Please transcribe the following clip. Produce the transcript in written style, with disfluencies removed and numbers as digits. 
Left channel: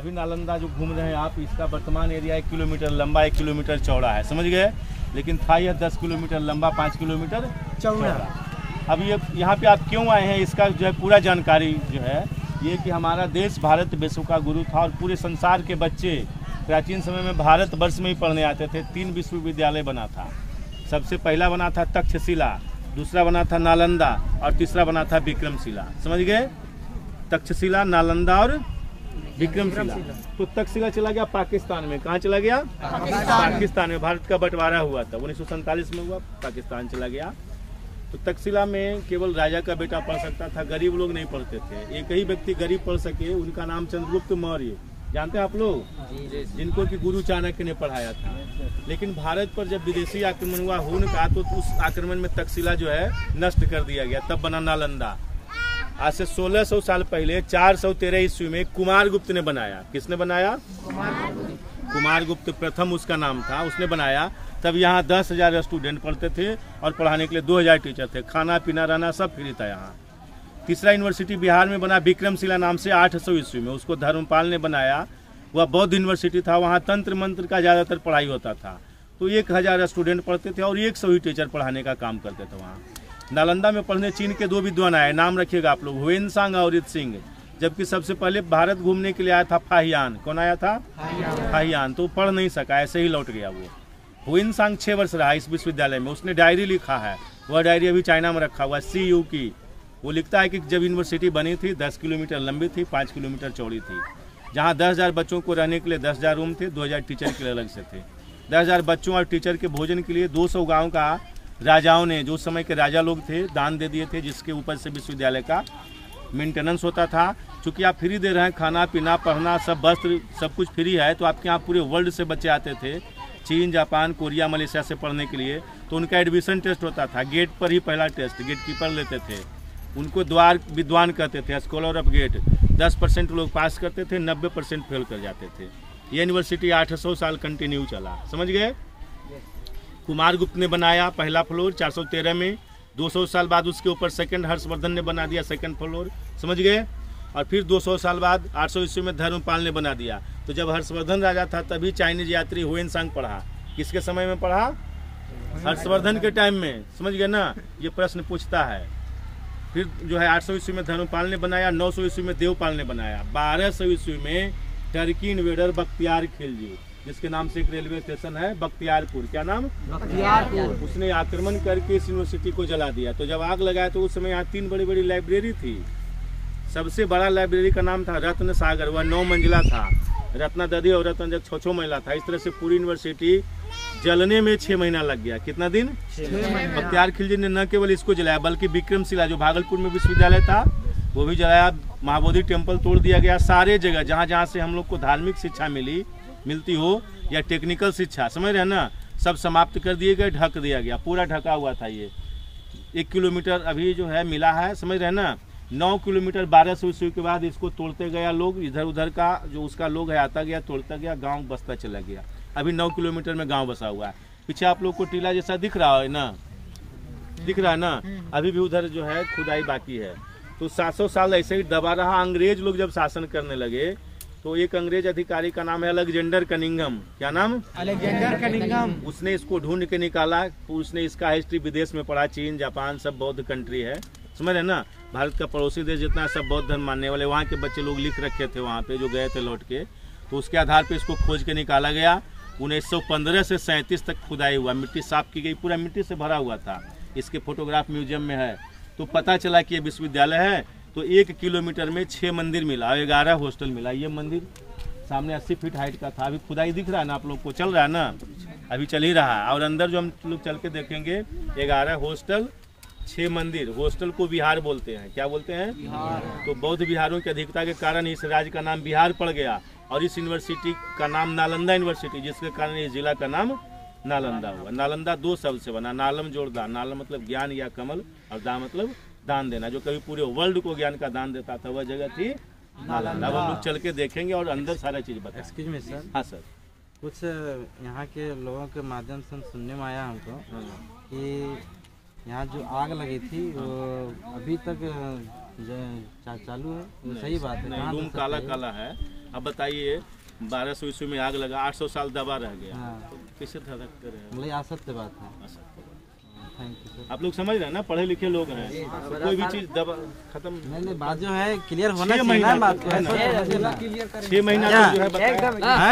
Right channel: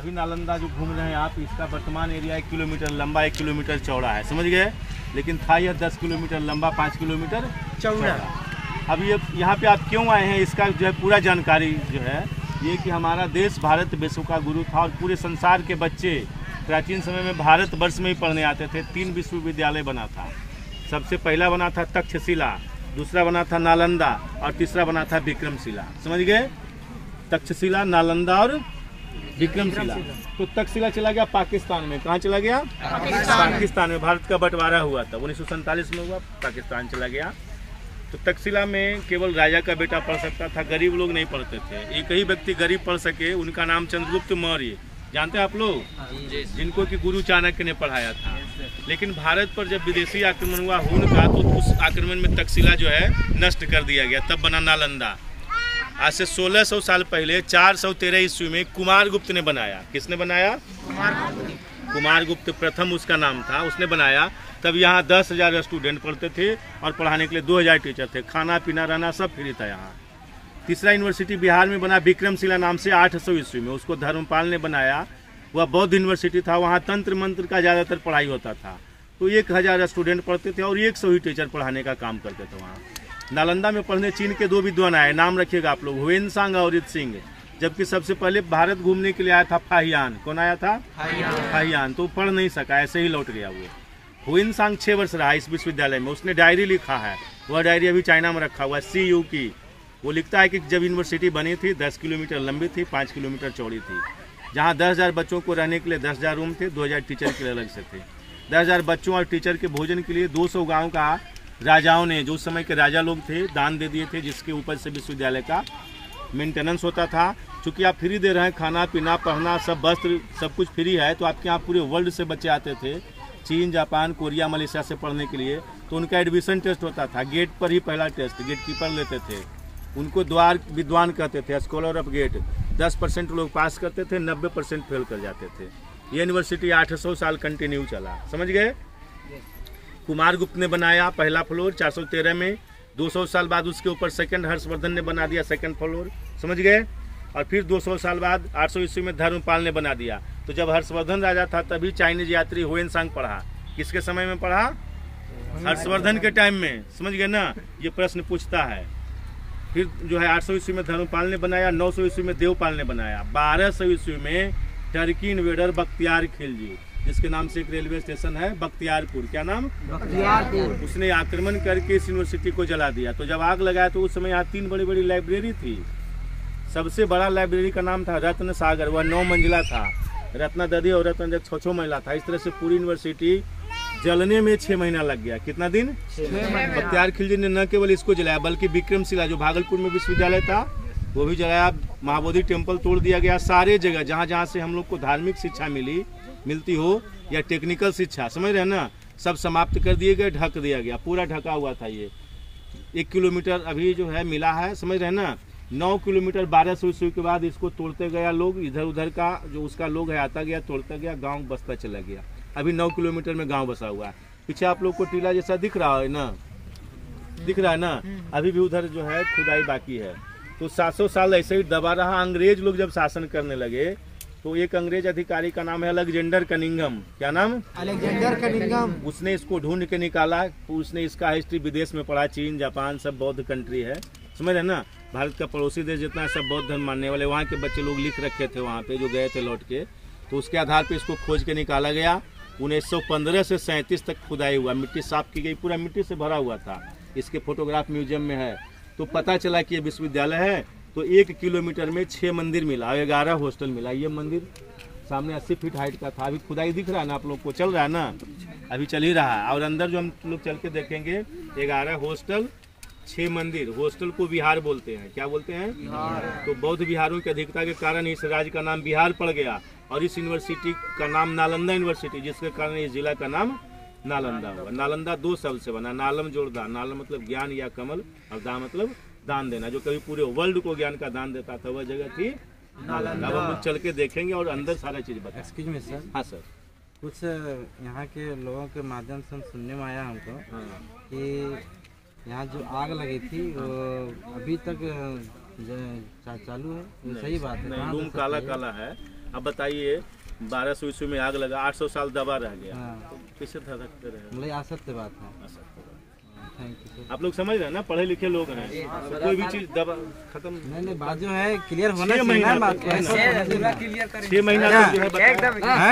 अभी नालंदा जो घूम रहे हैं आप, इसका वर्तमान एरिया 1 किलोमीटर लंबा 1 किलोमीटर चौड़ा है, समझ गए। लेकिन था यह 10 किलोमीटर लंबा 5 किलोमीटर चौड़ा। अब ये यहाँ पे आप क्यों आए हैं, इसका जो है पूरा जानकारी जो है ये कि हमारा देश भारत विश्व का गुरु था और पूरे संसार के बच्चे प्राचीन समय में भारतवर्ष में ही पढ़ने आते थे। 3 विश्वविद्यालय बना था। सबसे पहला बना था तक्षशिला, दूसरा बना था नालंदा और तीसरा बना था विक्रमशिला, समझ गए। तक्षशिला, नालंदा और विक्रमशिला। तो तक्षशिला चला गया पाकिस्तान में। कहाँ चला गया? पाकिस्तान में। भारत का बंटवारा हुआ था 1947 में हुआ, पाकिस्तान चला गया। तो तक्षशिला में केवल राजा का बेटा पढ़ सकता था, गरीब लोग नहीं पढ़ते थे। एक ही व्यक्ति गरीब पढ़ सके, उनका नाम चंद्रगुप्त मौर्य, जानते हैं आप लोग, जिनको कि गुरु चाणक्य ने पढ़ाया था। लेकिन भारत पर जब विदेशी आक्रमण हुआ हुन का, तो उस आक्रमण में तक्षशिला जो है नष्ट कर दिया गया, तब बना नालंदा। आज से 1600 साल पहले 413 ईस्वी में कुमारगुप्त ने बनाया। किसने बनाया? कुमारगुप्त प्रथम उसका नाम था, उसने बनाया। तब यहाँ 10,000 स्टूडेंट पढ़ते थे और पढ़ाने के लिए 2,000 टीचर थे। खाना पीना रहना सब फ्री था यहाँ। तीसरा यूनिवर्सिटी बिहार में बना विक्रमशिला नाम से 800 ईस्वी में, उसको धर्मपाल ने बनाया। वह बौद्ध यूनिवर्सिटी था, वहाँ तंत्र मंत्र का ज़्यादातर पढ़ाई होता था। तो 1000 स्टूडेंट पढ़ते थे और 100 ही टीचर पढ़ाने का काम करते थे वहाँ। नालंदा में पढ़ने चीन के 2 विद्वान आए, नाम रखिएगा आप लोग, हुएनसांग और रित सिंह। जबकि सबसे पहले भारत घूमने के लिए आया था फाहियान। कौन आया था? फाहियान। तो पढ़ नहीं सका, ऐसे ही लौट गया वो। हुएनसांग 6 वर्ष रहा इस विश्वविद्यालय में। उसने डायरी लिखा है, वह डायरी अभी चाइना में रखा हुआ है, CU की। वो लिखता है कि जब यूनिवर्सिटी बनी थी 10 किलोमीटर लंबी थी, 5 किलोमीटर चौड़ी थी, जहाँ 10,000 बच्चों को रहने के लिए 10,000 रूम थे, 2,000 टीचर के लिए अलग से थे। 10,000 बच्चों और टीचर के भोजन के लिए 200 गाँव का राजाओं ने, जो समय के राजा लोग थे, दान दे दिए थे, जिसके ऊपर से विश्वविद्यालय का मेंटेनेंस होता था। चूँकि आप फ्री दे रहे हैं, खाना पीना पढ़ना सब, वस्त्र सब कुछ फ्री है, तो आपके यहाँ पूरे वर्ल्ड से बच्चे आते थे, चीन, जापान, कोरिया, मलेशिया से पढ़ने के लिए। तो उनका एडमिशन टेस्ट होता था, गेट पर ही पहला टेस्ट, गेट कीपर लेते थे। उनको द्वार विद्वान कहते थे, स्कॉलर ऑफ गेट। 10% लोग पास करते थे, 90% फेल कर जाते थे। ये यूनिवर्सिटी 800 साल कंटिन्यू चला, समझ गए। कुमारगुप्त ने बनाया पहला फ्लोर 413 में। 200 साल बाद उसके ऊपर सेकंड हर्षवर्धन ने बना दिया सेकंड फ्लोर, समझ गए। और फिर 200 साल बाद 800 ईस्वी में धर्मपाल ने बना दिया। तो जब हर्षवर्धन राजा था तभी चाइनीज यात्री हुएनसांग पढ़ा। किसके समय में पढ़ा? हर्षवर्धन के टाइम में, समझ गए ना। ये प्रश्न पूछता है। फिर जो है 800 ईस्वी में धर्मपाल ने बनाया, 900 ईस्वी में देवपाल ने बनाया, 1200 ईस्वी में टर्की इन्वेडर बख्तियार खिलजी, जिसके नाम से एक रेलवे स्टेशन है बख्तियारपुर। क्या नाम? बख्तियारपुर। उसने आक्रमण करके इस यूनिवर्सिटी को जला दिया। तो जब आग लगाया तो उस समय यहाँ 3 बड़ी बड़ी लाइब्रेरी थी। सबसे बड़ा लाइब्रेरी का नाम था रत्न सागर, वह 9 मंजिला था। रत्ना दधी और रत्न जग 6 महिला था। इस तरह से पूरी यूनिवर्सिटी जलने में 6 महीना लग गया। कितना दिन? 6 महीना। बख्तियार खिलजी ने न केवल इसको जलाया, बल्कि विक्रमशिला जो भागलपुर में विश्वविद्यालय था वो भी जलाया। महाबोधि टेम्पल तोड़ दिया गया। सारे जगह जहाँ जहाँ से हम लोग को धार्मिक शिक्षा मिलती हो या टेक्निकल शिक्षा, समझ रहे हैं ना, सब समाप्त कर दिए गए, ढक दिया गया। पूरा ढका हुआ था। ये 1 किलोमीटर अभी जो है मिला है, समझ रहे हैं ना। 9 किलोमीटर 1200 ईस्वी के बाद इसको तोड़ते गया लोग, इधर उधर का जो उसका लोग है आता गया, तोड़ता गया, गांव बसता चला गया। अभी 9 किलोमीटर में गांव बसा हुआ है। पीछे आप लोग को टीला जैसा दिख रहा है ना, दिख रहा है ना। अभी भी उधर जो है खुदाई बाकी है। तो 700 साल ऐसे ही दबा रहा। अंग्रेज लोग जब शासन करने लगे तो एक अंग्रेज अधिकारी का नाम है अलेक्जेंडर कनिंघम। क्या नाम? Alexander Cunningham. उसने इसको ढूंढ के निकाला। तो उसने इसका हिस्ट्री विदेश में पढ़ा, चीन, जापान सब बौद्ध कंट्री है, समझ रहे ना। भारत का पड़ोसी देश जितना सब बौद्ध धर्म मानने वाले, वहाँ के बच्चे लोग लिख रखे थे वहाँ पे जो गए थे लौट के। तो उसके आधार पे इसको खोज के निकाला गया। 1915 से 37 तक खुदाई हुआ, मिट्टी साफ की गई, पूरा मिट्टी से भरा हुआ था। इसके फोटोग्राफ म्यूजियम में है। तो पता चला कि ये विश्वविद्यालय है। तो 1 किलोमीटर में 6 मंदिर मिला, 11 हॉस्टल मिला। ये मंदिर सामने 80 फीट हाइट का था। अभी खुदाई दिख रहा है ना आप लोग को, चल रहा है ना, अभी चल ही रहा है। और अंदर जो हम लोग चल के देखेंगे 11 हॉस्टल, 6 मंदिर। हॉस्टल को विहार बोलते हैं। क्या बोलते हैं? विहार। तो बौद्ध विहारों की अधिकता के कारण इस राज्य का नाम बिहार पड़ गया और इस यूनिवर्सिटी का नाम नालंदा यूनिवर्सिटी, जिसके कारण इस जिला का नाम नालंदा हुआ। नालंदा 2 शब्द से बना, नालम जोड़दार। नालम मतलब ज्ञान या कमल, और दा मतलब दान देना। जो कभी पूरे वर्ल्ड को ज्ञान का दान देता था वह जगह थी नालंदा। अब हम लोग चल के देखेंगे और अंदर सारा चीज बताएंगे। Excuse me sir. हाँ सर। कुछ यहाँ के लोगों के माध्यम से सुनने में आया हमको कि यहाँ जो आग लगी थी वो अभी तक चालू है। वो सही बात है? रूम काला काला है। अब बताइए 1200 ईस्वी में आग लगा, 800 साल दबा रह गया, हाँ। तो कैसे धड़कते रहे? मतलब असत्य बात है। Thank you sir. आप लोग समझ रहे हैं ना, पढ़े लिखे लोग हैं, तो कोई भी चीज दबा खत्म नहीं बात जो है क्लियर होना चाहिए ना, बात को 6 महीना जो है बताया।